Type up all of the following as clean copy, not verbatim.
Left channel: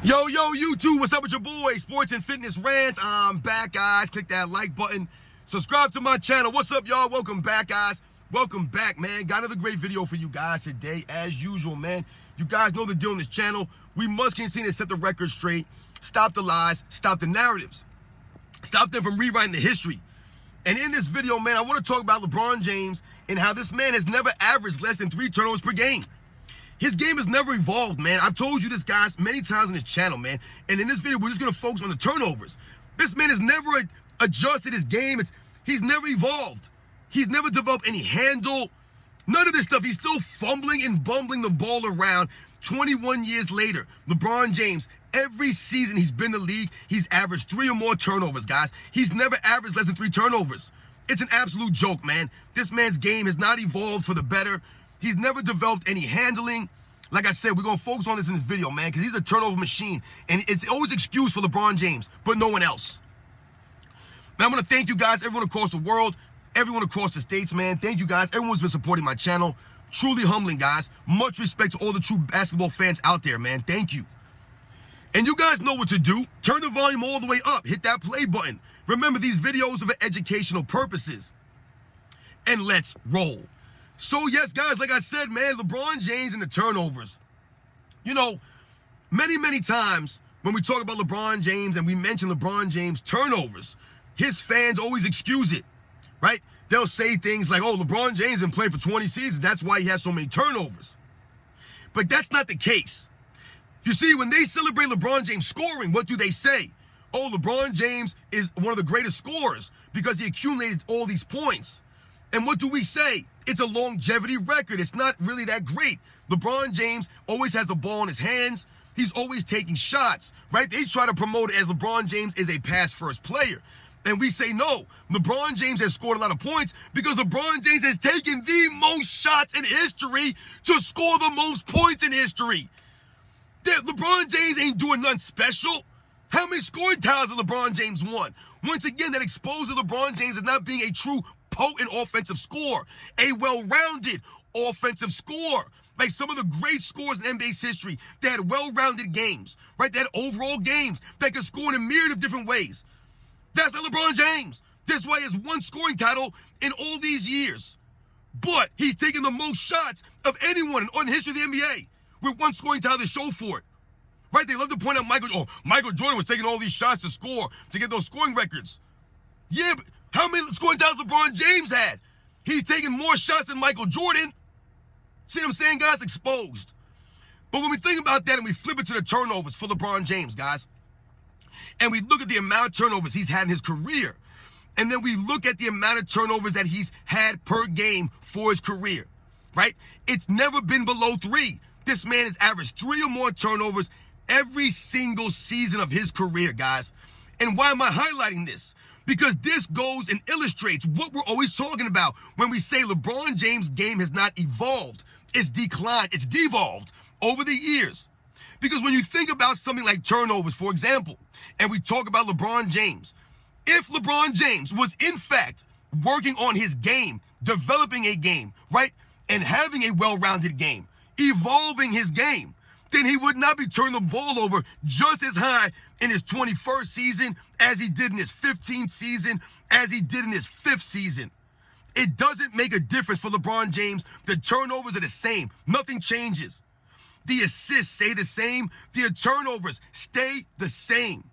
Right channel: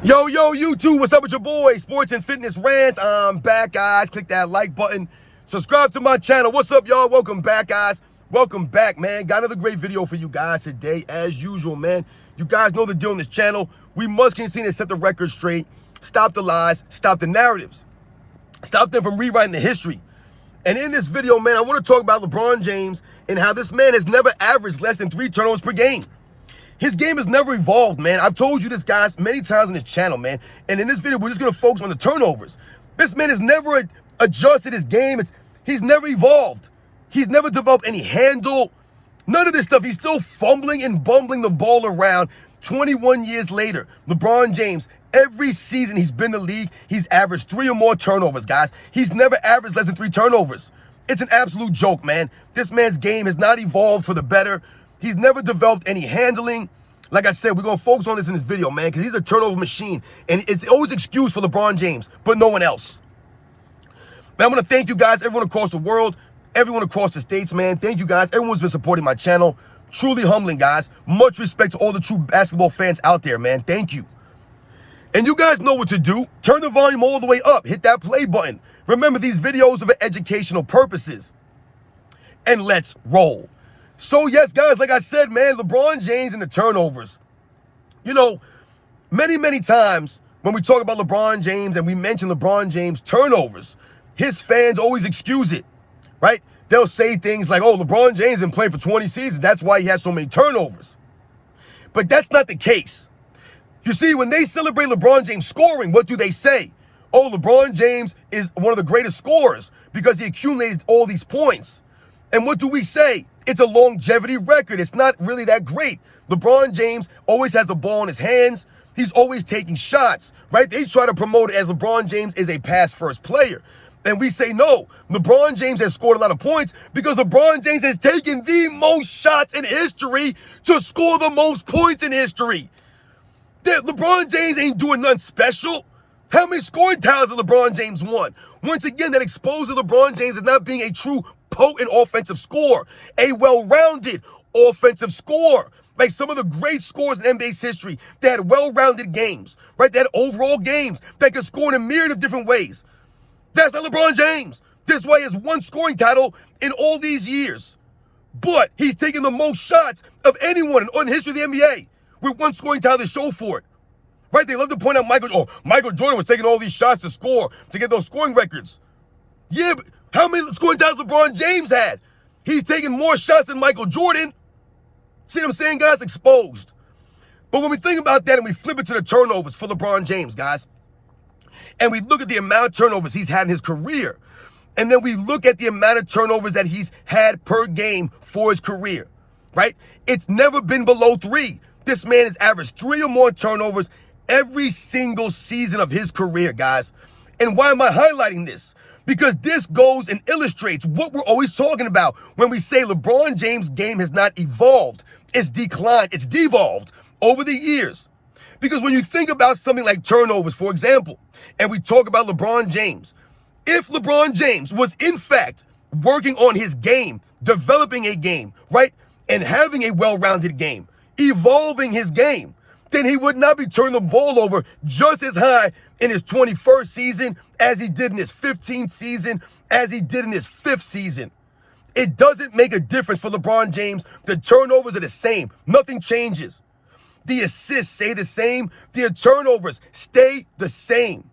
Yo, YouTube, what's up with your boy? Sports and Fitness Rant. I'm back, guys. Click that like button. Subscribe to my channel. What's up, y'all? Welcome back, guys. Welcome back, man. Got another great video for you guys today, as usual, man. You guys know the deal on this channel. We must continue to set the record straight, stop the lies, stop the narratives, stop them from rewriting the history. And in this video, man, I want to talk about LeBron James and how this man has never averaged less than 3 turnovers per game. His game has never evolved, man. I've told you this, guys, many times on this channel, man. And in this video, we're just going to focus on the turnovers. This man has never adjusted his game. He's never evolved. He's never developed any handle. None of this stuff. He's still fumbling and bumbling the ball around 21 years later. LeBron James, every season he's been in the league, he's averaged 3 or more turnovers, guys. He's never averaged less than 3 turnovers. It's an absolute joke, man. This man's game has not evolved for the better. He's never developed any handling. Like I said, we're going to focus on this in this video, man, because he's a turnover machine. And it's always excuse for LeBron James, but no one else. Man, I want to thank you guys, everyone across the world, everyone across the states, man. Thank you guys. Everyone who's been supporting my channel. Truly humbling, guys. Much respect to all the true basketball fans out there, man. Thank you. And you guys know what to do. Turn the volume all the way up. Hit that play button. Remember, these videos are for educational purposes. And let's roll. So, yes, guys, like I said, man, LeBron James and the turnovers. You know, many times when we talk about LeBron James and we mention LeBron James turnovers, his fans always excuse it, right? They'll say things like, oh, LeBron James has been playing for 20 seasons. That's why he has so many turnovers. But that's not the case. You see, when they celebrate LeBron James scoring, what do they say? Oh, LeBron James is one of the greatest scorers because he accumulated all these points. And what do we say? It's a longevity record. It's not really that great. LeBron James always has the ball in his hands. He's always taking shots, right? They try to promote it as LeBron James is a pass-first player. And we say, no, LeBron James has scored a lot of points because LeBron James has taken the most shots in history to score the most points in history. LeBron James ain't doing nothing special. How many scoring titles has LeBron James won? Once again, that exposes LeBron James as not being a true potent offensive scorer, a well-rounded offensive scorer. Like some of the great scorers in NBA's history, they had well-rounded games, right? They had overall games that could score in a myriad of different ways. That's not LeBron James. This way is 1 scoring title in all these years. But he's taken the most shots of anyone in the history of the NBA with 1 scoring title to show for it. Right? They love to point out Michael Jordan was taking all these shots to score, to get those scoring records. Yeah, but how many scoring titles LeBron James had? He's taking more shots than Michael Jordan. See what I'm saying, guys? Exposed. But when we think about that and we flip it to the turnovers for LeBron James, guys, and we look at the amount of turnovers he's had in his career, and then we look at the amount of turnovers that he's had per game for his career, right? It's never been below 3. This man has averaged 3 or more turnovers every single season of his career, guys. And why am I highlighting this? Because this goes and illustrates what we're always talking about when we say LeBron James' game has not evolved. It's declined. It's devolved over the years. Because when you think about something like turnovers, for example, and we talk about LeBron James, if LeBron James was in fact working on his game, developing a game, right, and having a well-rounded game, evolving his game, then he would not be turning the ball over just as high in his 21st season as he did in his 15th season, as he did in his 5th season. It doesn't make a difference for LeBron James. The turnovers are the same. Nothing changes. The assists stay the same. The turnovers stay the same.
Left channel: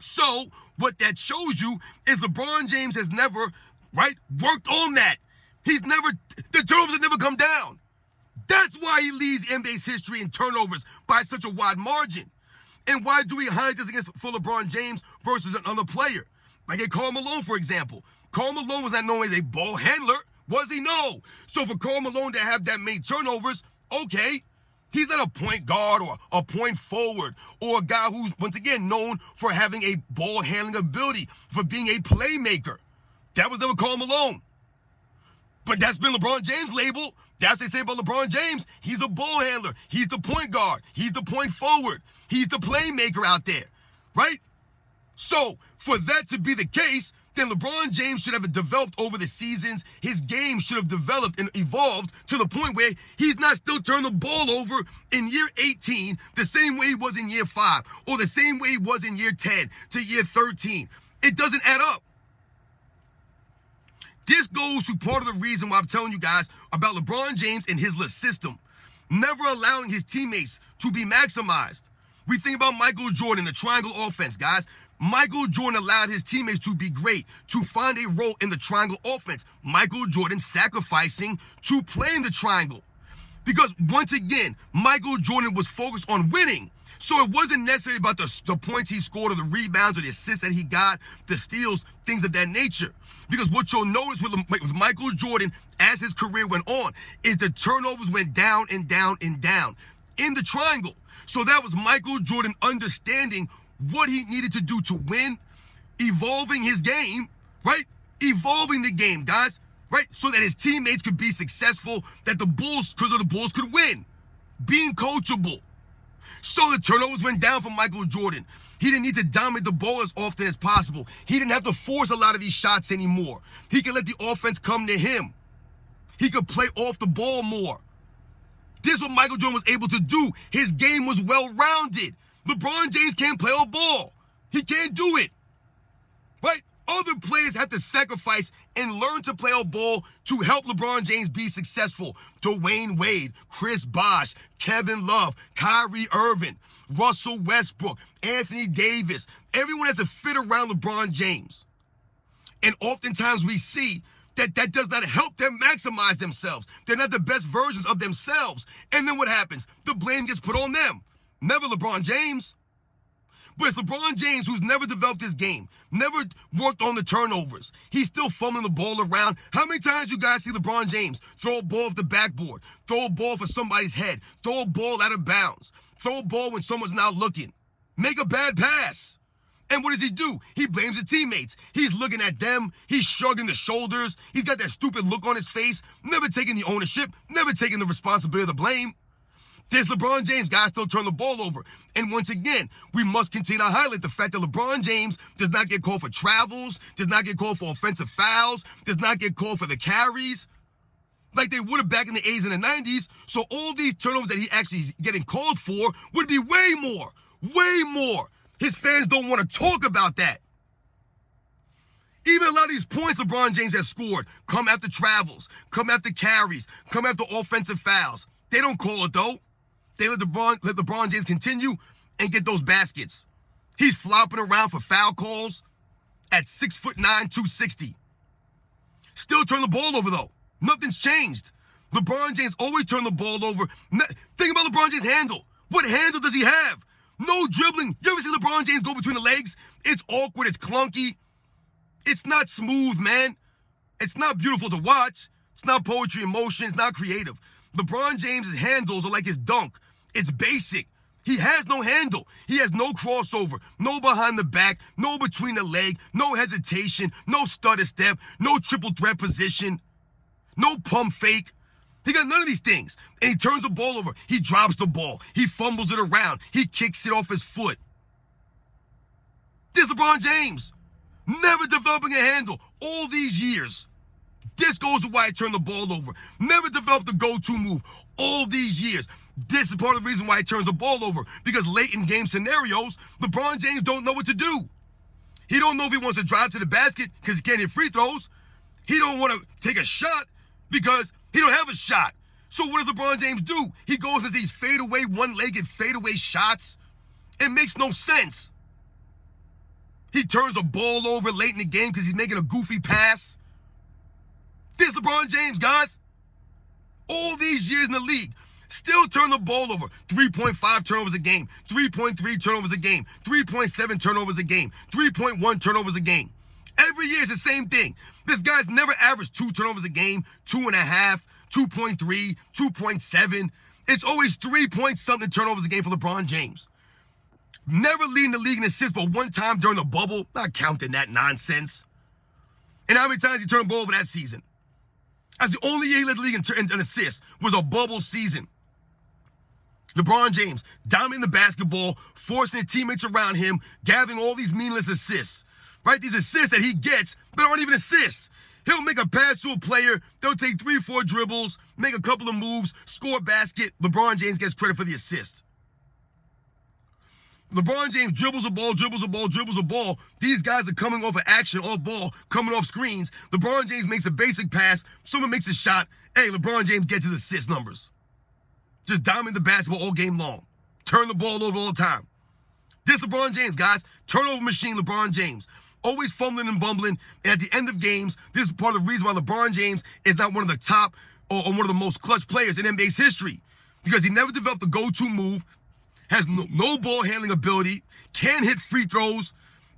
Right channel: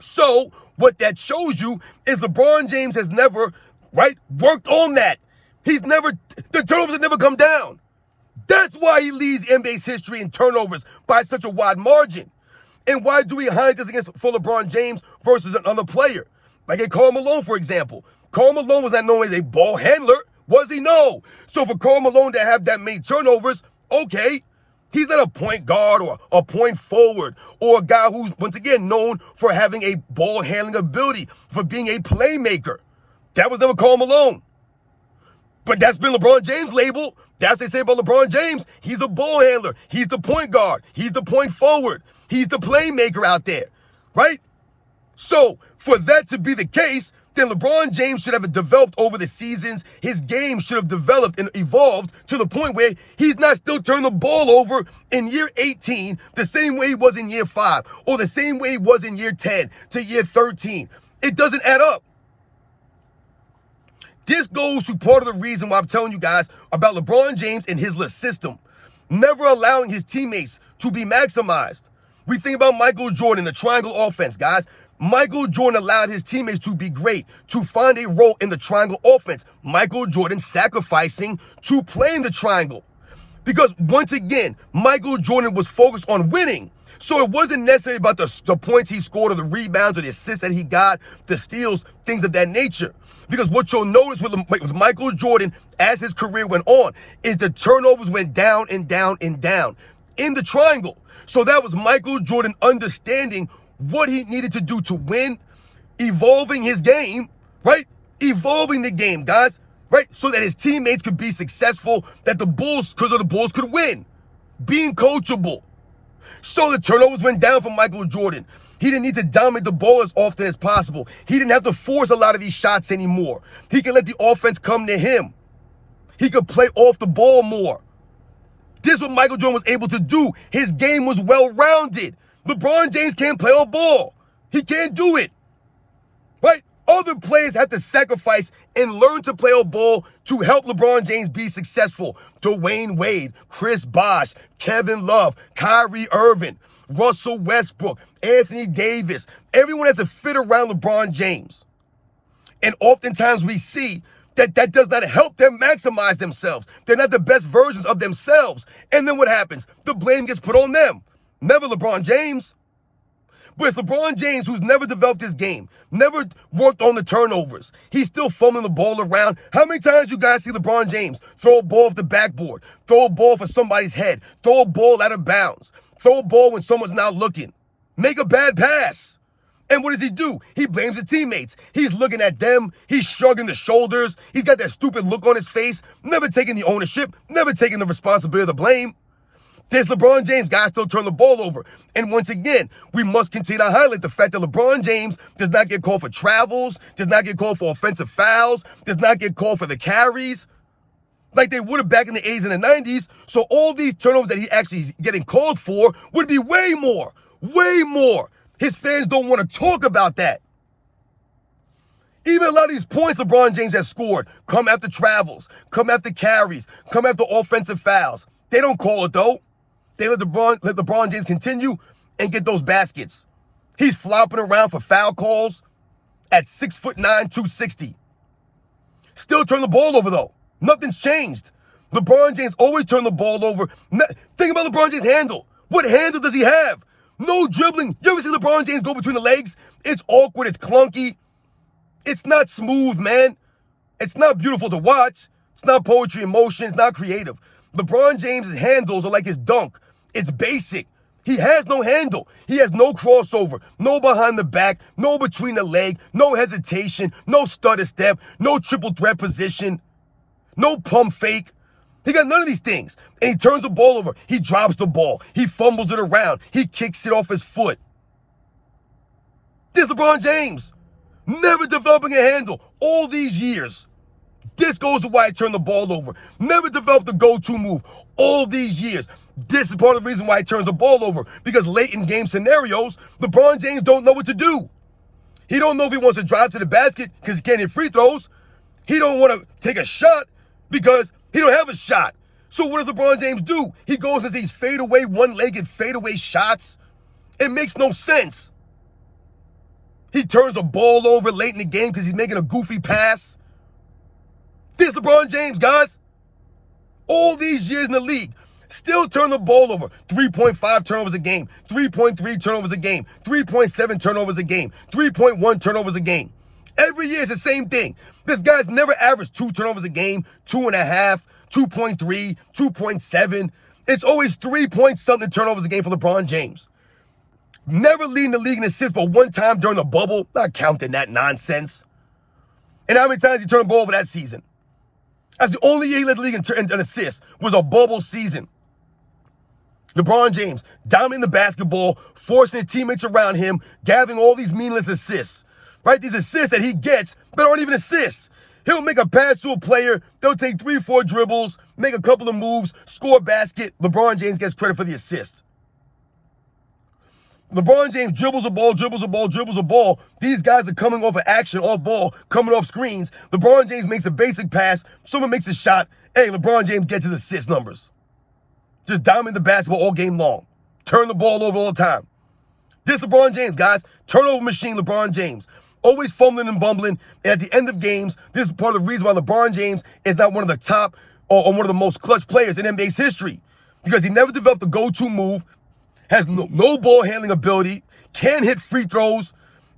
So what that shows you is LeBron James has never, right, worked on that. The turnovers have never come down. That's why he leads NBA's history in turnovers by such a wide margin. And why do we highlight this for LeBron James versus another player? Like a Karl Malone, for example. Karl Malone was not known as a ball handler, was he? No. So for Karl Malone to have that many turnovers, okay, he's not a point guard or a point forward or a guy who's, once again, known for having a ball handling ability, for being a playmaker. That was never Karl Malone. But that's been LeBron James' label. That's what they say about LeBron James. He's a ball handler. He's the point guard. He's the point forward. He's the playmaker out there, right? So for that to be the case, then LeBron James should have developed over the seasons. His game should have developed and evolved to the point where he's not still turning the ball over in year 18 the same way he was in year 5 or the same way he was in year 10 to year 13. It doesn't add up. This goes to part of the reason why I'm telling you guys about LeBron James and his system, never allowing his teammates to be maximized. We think about Michael Jordan, the triangle offense, guys. Michael Jordan allowed his teammates to be great, to find a role in the triangle offense. Michael Jordan sacrificing to play in the triangle. Because once again, Michael Jordan was focused on winning. So it wasn't necessarily about the points he scored or the rebounds or the assists that he got, the steals, things of that nature. Because what you'll notice with Michael Jordan as his career went on is the turnovers went down and down and down in the triangle. So that was Michael Jordan understanding what he needed to do to win, evolving his game, right? Evolving the game, guys, right? So that his teammates could be successful, that the Bulls, because of the Bulls, could win. Being coachable. So the turnovers went down for Michael Jordan. He didn't need to dominate the ball as often as possible. He didn't have to force a lot of these shots anymore. He could let the offense come to him. He could play off the ball more. This is what Michael Jordan was able to do. His game was well-rounded. LeBron James can't play on ball. He can't do it, right? Other players have to sacrifice and learn to play on ball to help LeBron James be successful. Dwayne Wade, Chris Bosh, Kevin Love, Kyrie Irving, Russell Westbrook, Anthony Davis. Everyone has to fit around LeBron James. And oftentimes we see that does not help them maximize themselves. They're not the best versions of themselves. And then what happens? The blame gets put on them. Never LeBron James. But it's LeBron James who's never developed his game, never worked on the turnovers. He's still fumbling the ball around. How many times you guys see LeBron James throw a ball off the backboard, throw a ball for somebody's head, throw a ball out of bounds, throw a ball when someone's not looking, make a bad pass? And what does he do? He blames the teammates. He's looking at them. He's shrugging the shoulders. He's got that stupid look on his face, never taking the ownership, never taking the responsibility of the blame. There's LeBron James, guys still turn the ball over. And once again, we must continue to highlight the fact that LeBron James does not get called for travels, does not get called for offensive fouls, does not get called for the carries like they would have back in the 80s and the 90s. So all these turnovers that he actually is getting called for would be way more, way more. His fans don't want to talk about that. Even a lot of these points LeBron James has scored come after travels, come after carries, come after offensive fouls. They don't call it, though. They let LeBron James continue and get those baskets. He's flopping around for foul calls at 6'9", 260. Still turn the ball over, though. Nothing's changed. LeBron James always turn the ball over. Think about LeBron James' handle. What handle does he have? No dribbling. You ever see LeBron James go between the legs? It's awkward. It's clunky. It's not smooth, man. It's not beautiful to watch. It's not poetry in motion. It's not creative. LeBron James' handles are like his dunk. It's basic. He has no handle. He has no crossover, no behind the back, no between the leg, no hesitation, no stutter step, no triple threat position, no pump fake. He got none of these things. And he turns the ball over. He drops the ball. He fumbles it around. He kicks it off his foot. This is LeBron James. Never developing a handle all these years. This goes to why he turned the ball over. Never developed a go-to move all these years. This is part of the reason why he turns the ball over. Because late in game scenarios, LeBron James don't know what to do. He don't know if he wants to drive to the basket because he can't hit free throws. He don't want to take a shot because he don't have a shot. So what does LeBron James do? He goes into these fadeaway, one-legged fadeaway shots. It makes no sense. He turns the ball over late in the game because he's making a goofy pass. This is LeBron James, guys. All these years in the league, still turn the ball over. 3.5 turnovers a game, 3.3 turnovers a game, 3.7 turnovers a game, 3.1 turnovers a game. Every year it's the same thing. This guy's never averaged 2 turnovers a game, 2.5, 2.3, 2.7. It's always 3-point-something turnovers a game for LeBron James. Never leading the league in assists, but one time during the bubble, not counting that nonsense. And how many times he turned the ball over that season? That's the only year he led the league in assists, was a bubble season. LeBron James dominating the basketball, forcing his teammates around him, gathering all these meaningless assists. right? These assists that he gets that aren't even assists. He'll make a pass to a player. They'll take 3-4 dribbles, make a couple of moves, score a basket. LeBron James gets credit for the assist. LeBron James dribbles a ball, dribbles a ball, dribbles a ball. These guys are coming off of action, off ball, coming off screens. LeBron James makes a basic pass. Someone makes a shot. Hey, LeBron James gets his assist numbers. Just dominate the basketball all game long. Turn the ball over all the time. This LeBron James, guys. Turnover machine, LeBron James. Always fumbling and bumbling. And at the end of games, this is part of the reason why LeBron James is not one of the top or one of the most clutch players in NBA's history. Because he never developed a go-to move, has no ball handling ability, can't hit free throws,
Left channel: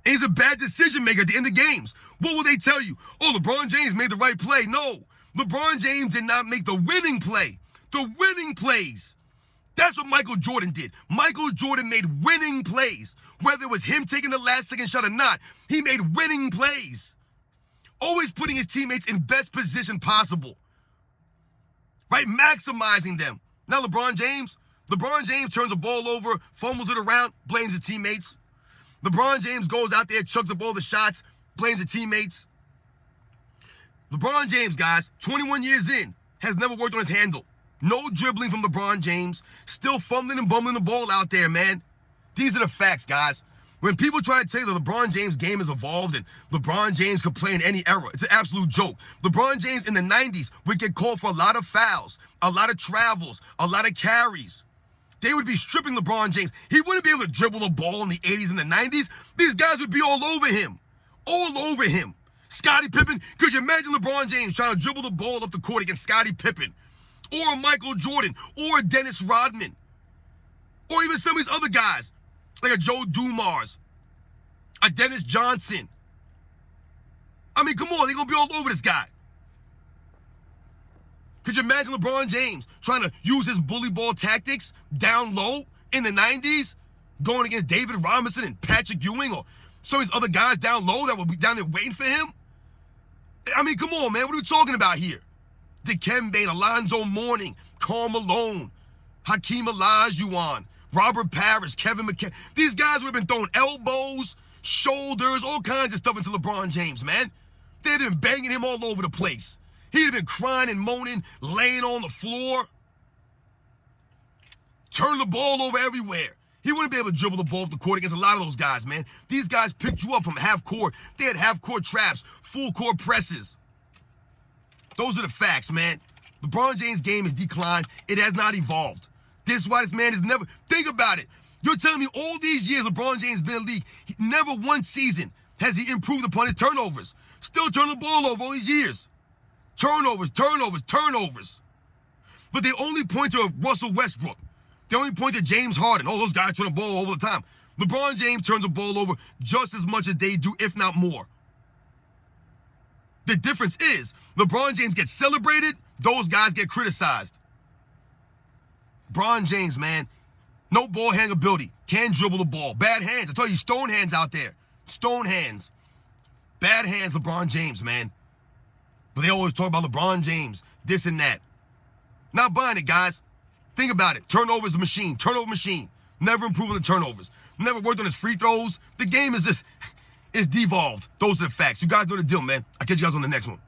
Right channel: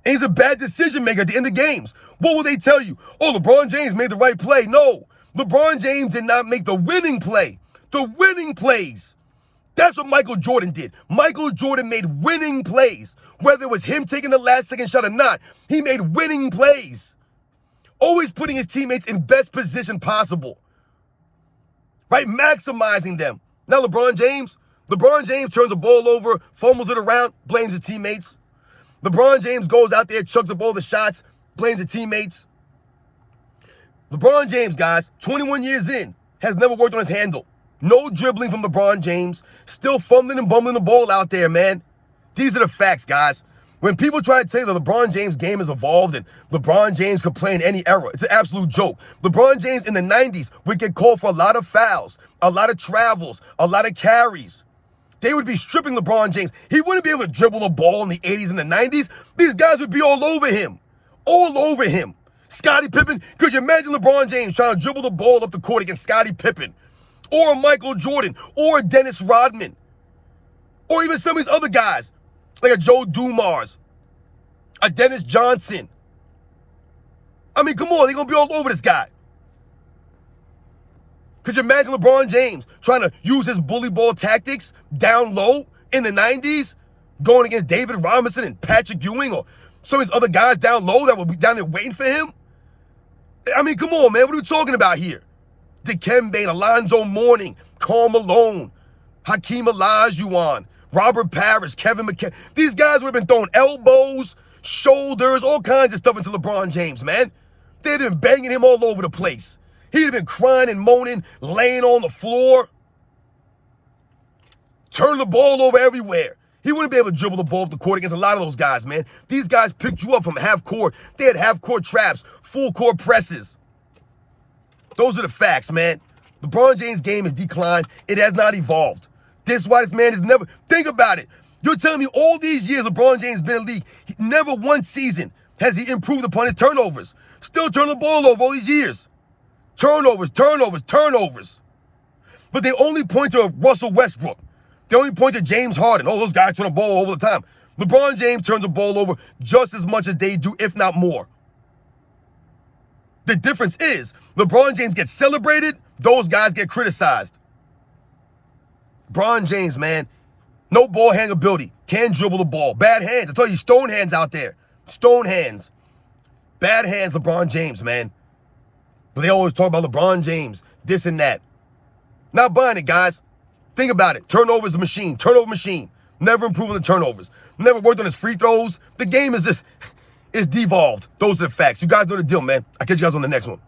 and he's a bad decision maker at the end of games. What will they tell you? Oh, LeBron James made the right play. No, LeBron James did not make the winning play. The winning plays. That's what Michael Jordan did. Michael Jordan made winning plays. Whether it was him taking the last second shot or not, he made winning plays. Always putting his teammates in best position possible. Right? Maximizing them. Now LeBron James turns the ball over, fumbles it around, blames his teammates. LeBron James goes out there, chucks up all the shots, blames the teammates. LeBron James, guys, 21 years in, has never worked on his handle. No dribbling from LeBron James. Still fumbling and bumbling the ball out there, man. These are the facts, guys. When people try to tell you that LeBron James' game has evolved and LeBron James could play in any era, it's an absolute joke. LeBron James in the 90s would get called for a lot of fouls, a lot of travels, a lot of carries. They would be stripping LeBron James. He wouldn't be able to dribble a ball in the 80s and the 90s. These guys would be all over him. All over him. Scottie Pippen. Could you imagine LeBron James trying to dribble the ball up the court against Scottie Pippen? Or Michael Jordan? Or Dennis Rodman? Or even some of these other guys, like a Joe Dumars, a Dennis Johnson. I mean, come on, they're going to be all over this guy. Could you imagine LeBron James trying to use his bully ball tactics down low in the 90s, going against David Robinson and Patrick Ewing or some of these other guys down low that would be down there waiting for him? I mean, come on, man. What are we talking about here? Dikembe, Alonzo Mourning, Karl Malone, Hakeem Olajuwon, Robert Parrish, Kevin McHale. These guys would have been throwing elbows, shoulders, all kinds of stuff into LeBron James, man. They'd have been banging him all over the place. He'd have been crying and moaning, laying on the floor, turning the ball over everywhere. He wouldn't be able to dribble the ball off the court against a lot of those guys, man. These guys picked you up from half court. They had half court traps, full court presses. Those are the facts, man. LeBron James' game has declined. It has not evolved. This is why this man has never... Think about it. You're telling me all these years LeBron James has been in the league, never one season has he improved upon his turnovers. Still turning the ball over all these years. Turnovers, turnovers, turnovers. But they only point to Russell Westbrook. They only point to James Harden. Oh, those guys turn the ball over the time. LeBron James turns the ball over just as much as they do, if not more. The difference is LeBron James gets celebrated, those guys get criticized. LeBron James, man, no ball handling ability. Can't dribble the ball. Bad hands. I tell you, stone hands out there. Stone hands. Bad hands, LeBron James, man. But they always talk about LeBron James, this and that. Not buying it, guys. Think about it. Turnovers a machine. Turnover machine. Never improving the turnovers. Never worked on his free throws. The game is just, it's devolved. Those are the facts. You guys know the deal, man. I'll catch you guys on the next one.